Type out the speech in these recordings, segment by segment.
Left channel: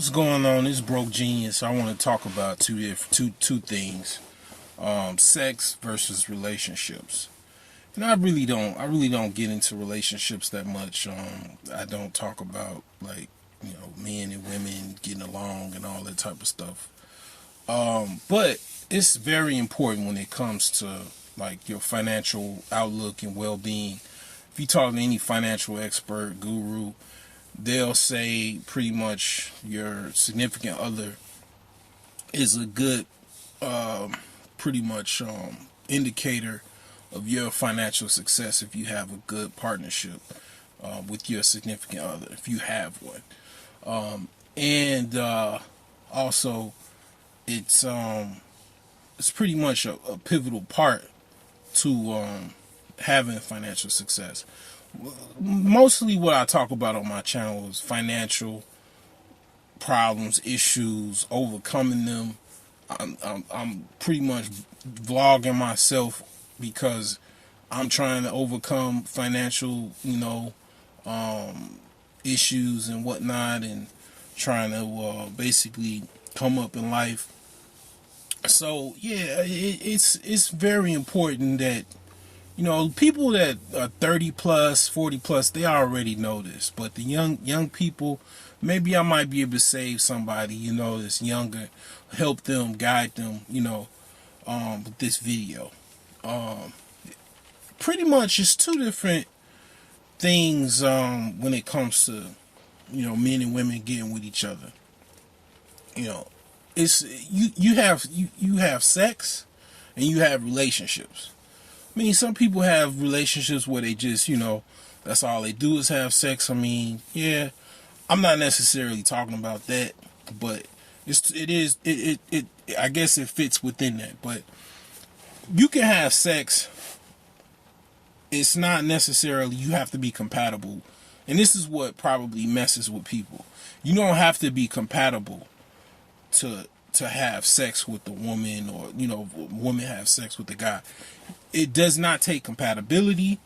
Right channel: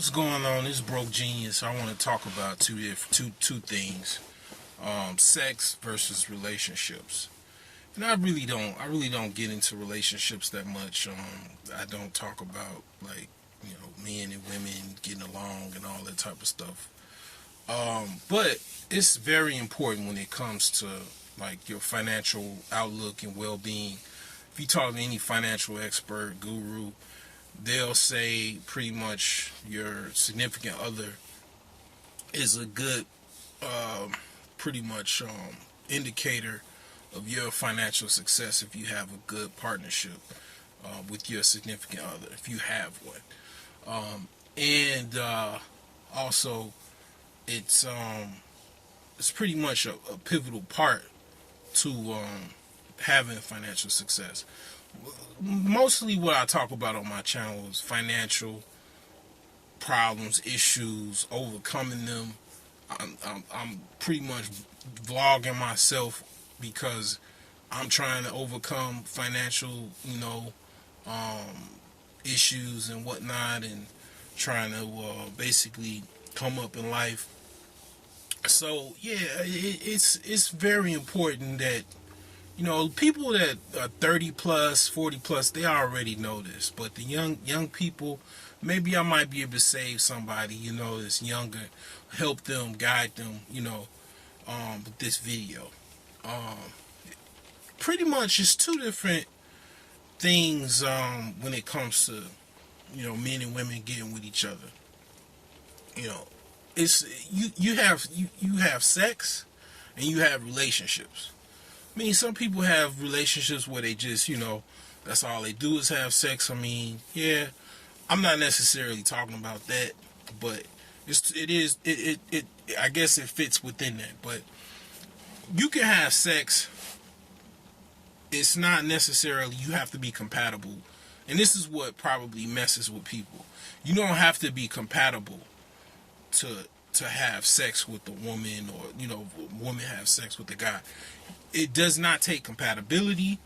What's going on? This is Broke Genius. I want to talk about two things: sex versus relationships. And I really don't get into relationships that much. I don't talk about like men and women getting along and all that type of stuff. But it's very important when it comes to like your financial outlook and well-being. If you talk to any financial expert, guru, they'll say pretty much your significant other is a good, pretty much indicator of your financial success if you have a good partnership with your significant other, if you have one. And also, it's pretty much a pivotal part to having financial success. Mostly what I talk about on my channel is financial problems, issues, overcoming them. I'm pretty much vlogging myself because I'm trying to overcome financial, issues and whatnot, and trying to basically come up in life. So yeah, it's very important that people that are 30 plus, 40 plus, they already know this. But the young people, maybe I might be able to save somebody, that's younger, help them, guide them, with this video. Pretty much it's two different things when it comes to, men and women getting with each other. It's you have sex and you have relationships. I mean, some people have relationships where they just, that's all they do is have sex. I mean, yeah, I'm not necessarily talking about that, but it I guess it fits within that. But you can have sex. It's not necessarily you have to be compatible. And this is what probably messes with people. You don't have to be compatible to have sex with a woman, or a woman have sex with a guy. It does not take compatibility.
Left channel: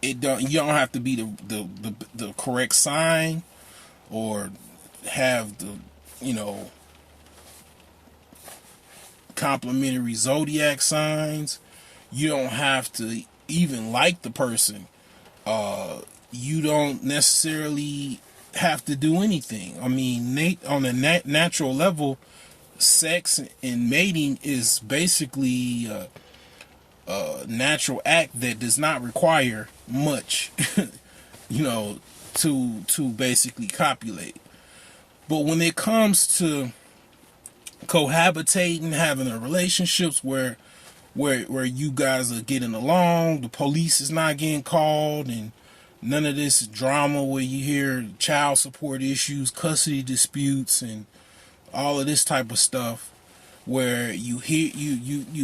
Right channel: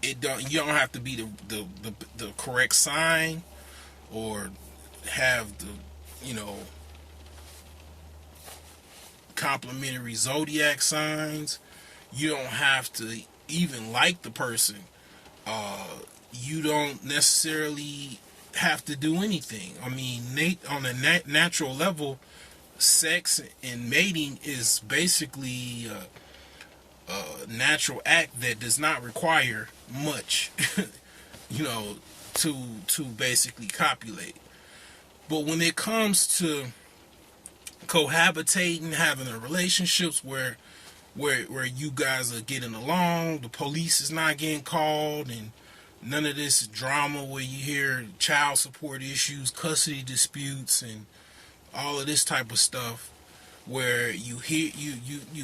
You don't have to be the correct sign or have the complementary zodiac signs. You don't have to even like the person. You don't necessarily have to do anything. I mean, on a natural level, sex and mating is basically a natural act that does not require much, to basically copulate. But when it comes to cohabitating, having a relationships where you guys are getting along, the police is not getting called, and none of this drama where you hear child support issues, custody disputes, and all of this type of stuff, where you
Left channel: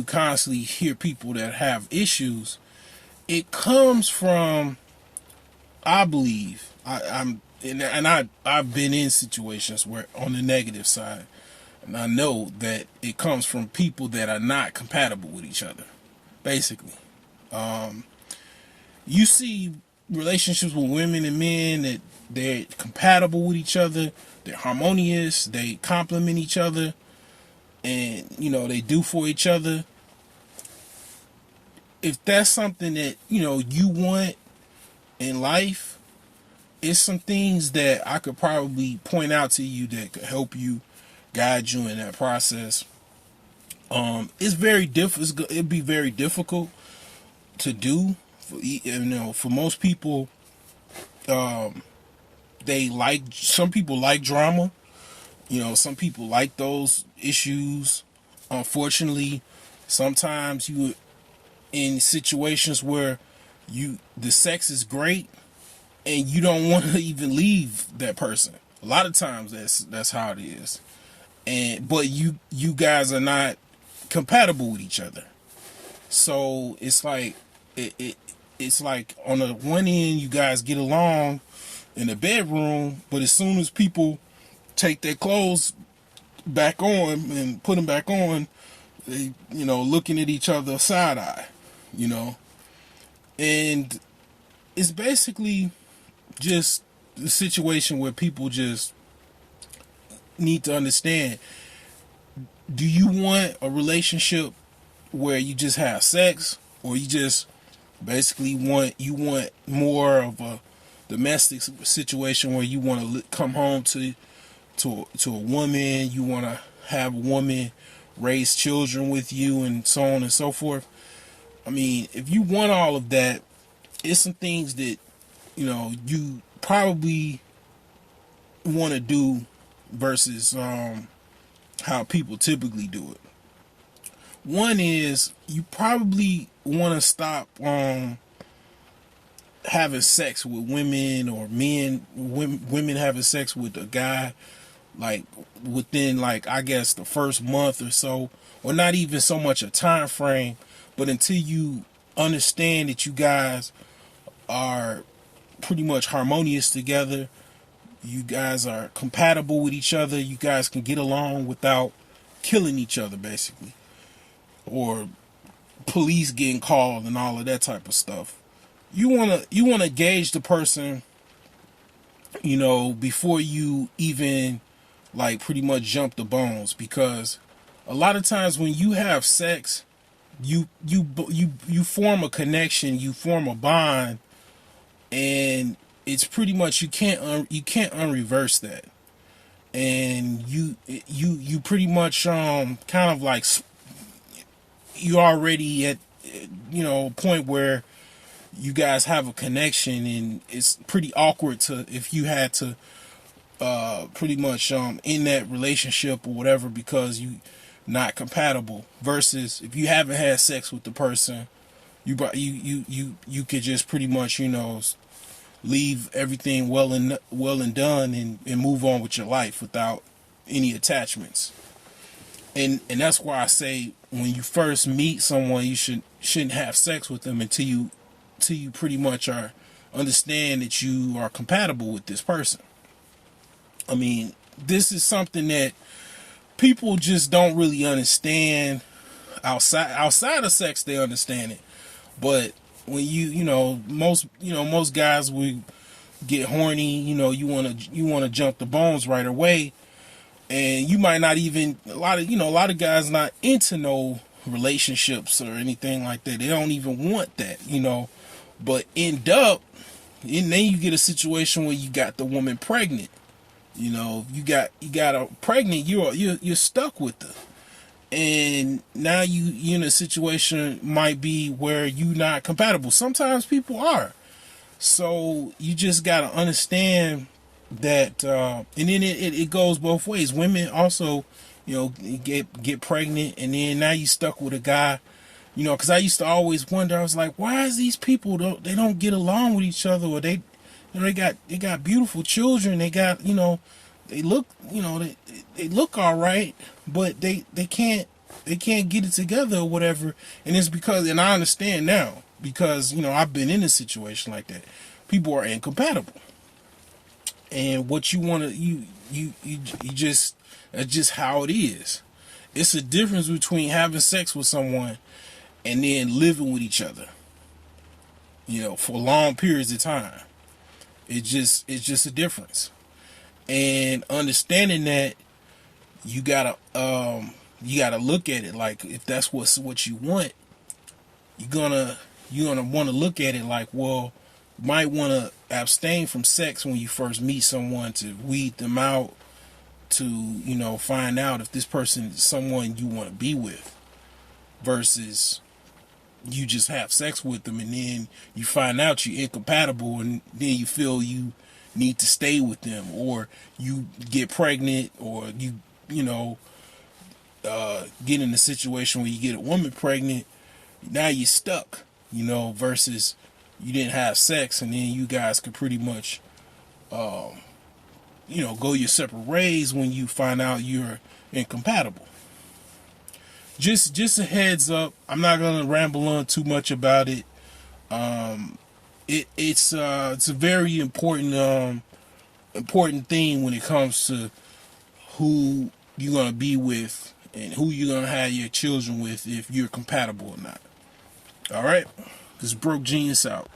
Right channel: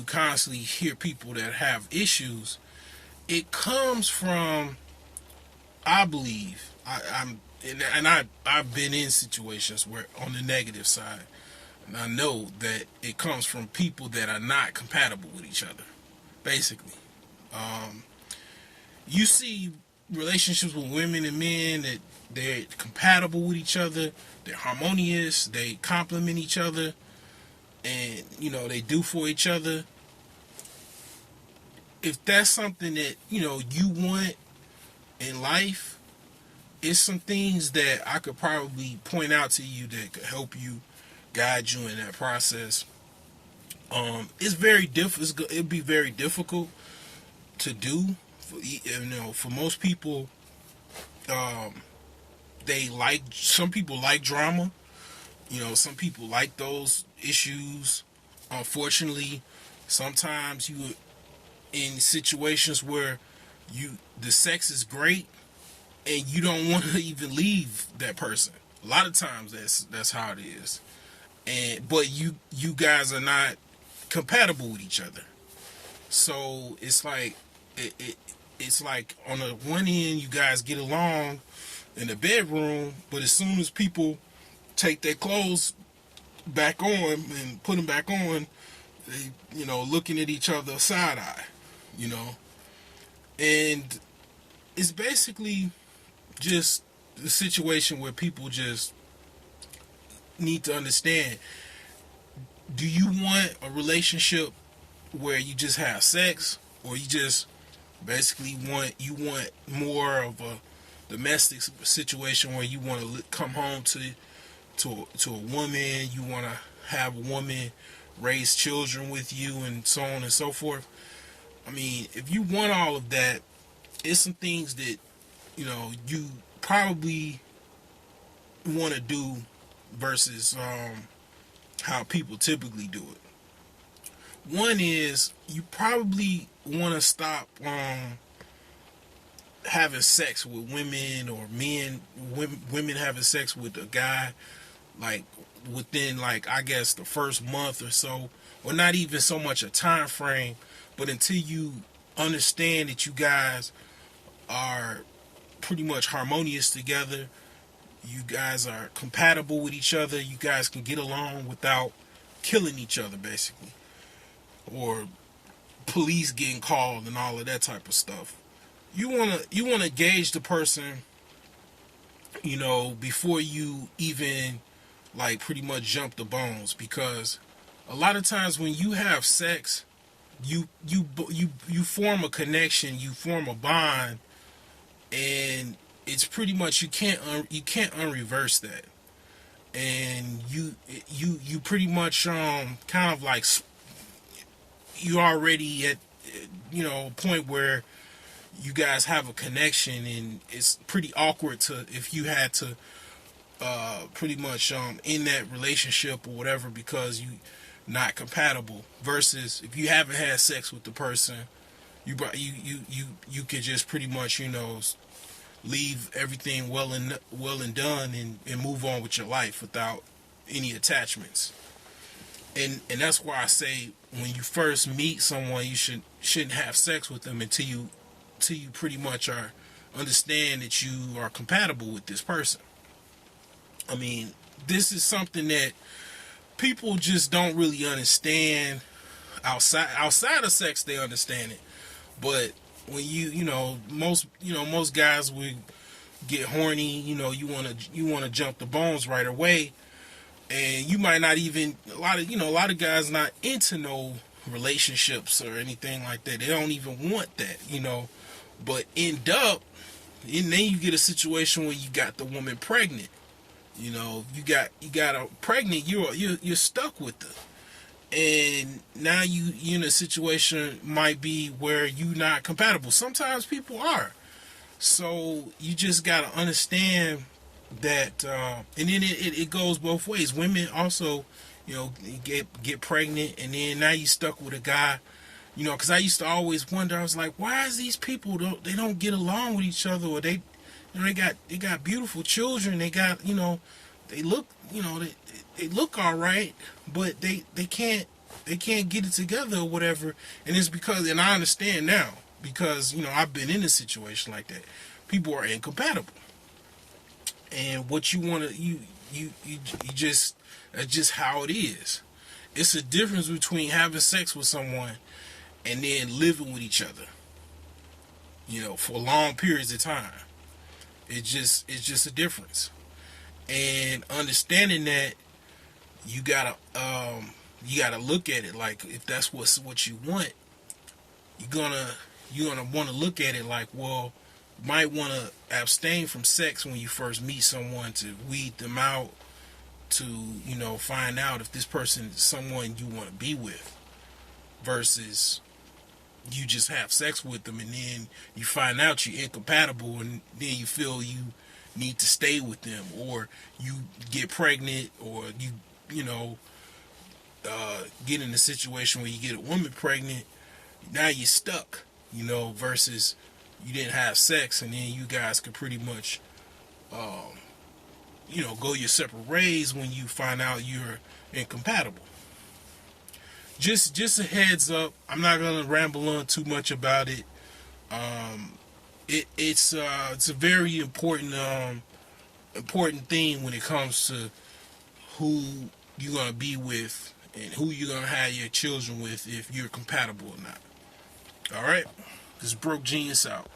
constantly hear people that have issues. It comes from, I believe, I've been in situations where on the negative side, and I know that it comes from people that are not compatible with each other. Basically, you see relationships with women and men that they're compatible with each other, they're harmonious, they complement each other, and they do for each other. If that's something that you want in life, it's some things that I could probably point out to you that could help you, guide you in that process. It's very difficult. It'd be very difficult to do. For most people, some people like drama. Some people like those issues. Unfortunately, sometimes you in situations where the sex is great and you don't want to even leave that person. A lot of times that's how it is. But you guys are not compatible with each other. So it's like it's like on the one end you guys get along in the bedroom, but as soon as people take their clothes back on and put them back on, they looking at each other side eye, and it's basically just the situation where people just need to understand, do you want a relationship where you just have sex, or you just basically want more of a domestic situation where you want to come home to a woman, you want to have a woman raise children with you, and so on and so forth. I mean, if you want all of that, it's some things that you probably want to do versus how people typically do it. One is you probably want to stop having sex with women, or women having sex with a guy, like within, like, I guess the first month or so, or not even so much a time frame, but until you understand that you guys are pretty much harmonious together, you guys are compatible with each other, you guys can get along without killing each other, basically, or police getting called and all of that type of stuff. You wanna gauge the person, before you even, like, pretty much jump the bones, because a lot of times when you have sex, you form a connection, you form a bond, and it's pretty much you can't unreverse that, and you pretty much kind of like, you already at a point where you guys have a connection, and it's pretty awkward if you had to pretty much in that relationship or whatever, because you not compatible, versus if you haven't had sex with the person, you could just pretty much leave everything well and done, and move on with your life without any attachments. And that's why I say, when you first meet someone, you shouldn't have sex with them until you pretty much understand that you are compatible with this person. I mean, this is something that people just don't really understand. Outside of sex, they understand it, but when most guys will get horny. You want to jump the bones right away, and you might not even, a lot of guys not into no relationships or anything like that. They don't even want that, but end up, and then you get a situation where you got the woman pregnant. You got her pregnant, you're stuck with her, and now you in a situation might be where you not compatible. Sometimes people are, so you just gotta understand that, and then it goes both ways. Women also, get pregnant, and then now you stuck with a guy. Because I used to always wonder, I was like, why is these people they don't get along with each other, or they got beautiful children, they got, they look, they look all right, but they can't get it together or whatever. And it's because, and I understand now, because I've been in a situation like that. People are incompatible, and what you want to you just, that's just how it is. It's a difference between having sex with someone and then living with each other, for long periods of time. It's just a difference. And understanding that, you gotta look at it like, if that's what you want, you're gonna want to look at it like, well, you might want to abstain from sex when you first meet someone, to weed them out, to find out if this person is someone you want to be with, versus you just have sex with them and then you find out you're incompatible, and then you feel you need to stay with them, or you get pregnant, or you get in a situation where you get a woman pregnant. Now you're stuck, versus you didn't have sex, and then you guys could pretty much go your separate ways when you find out you're incompatible. Just a heads up, I'm not gonna ramble on too much about it. It's a very important thing when it comes to who you're gonna be with and who you're gonna have your children with, if you're compatible or not. All right, this is Broke Genius out.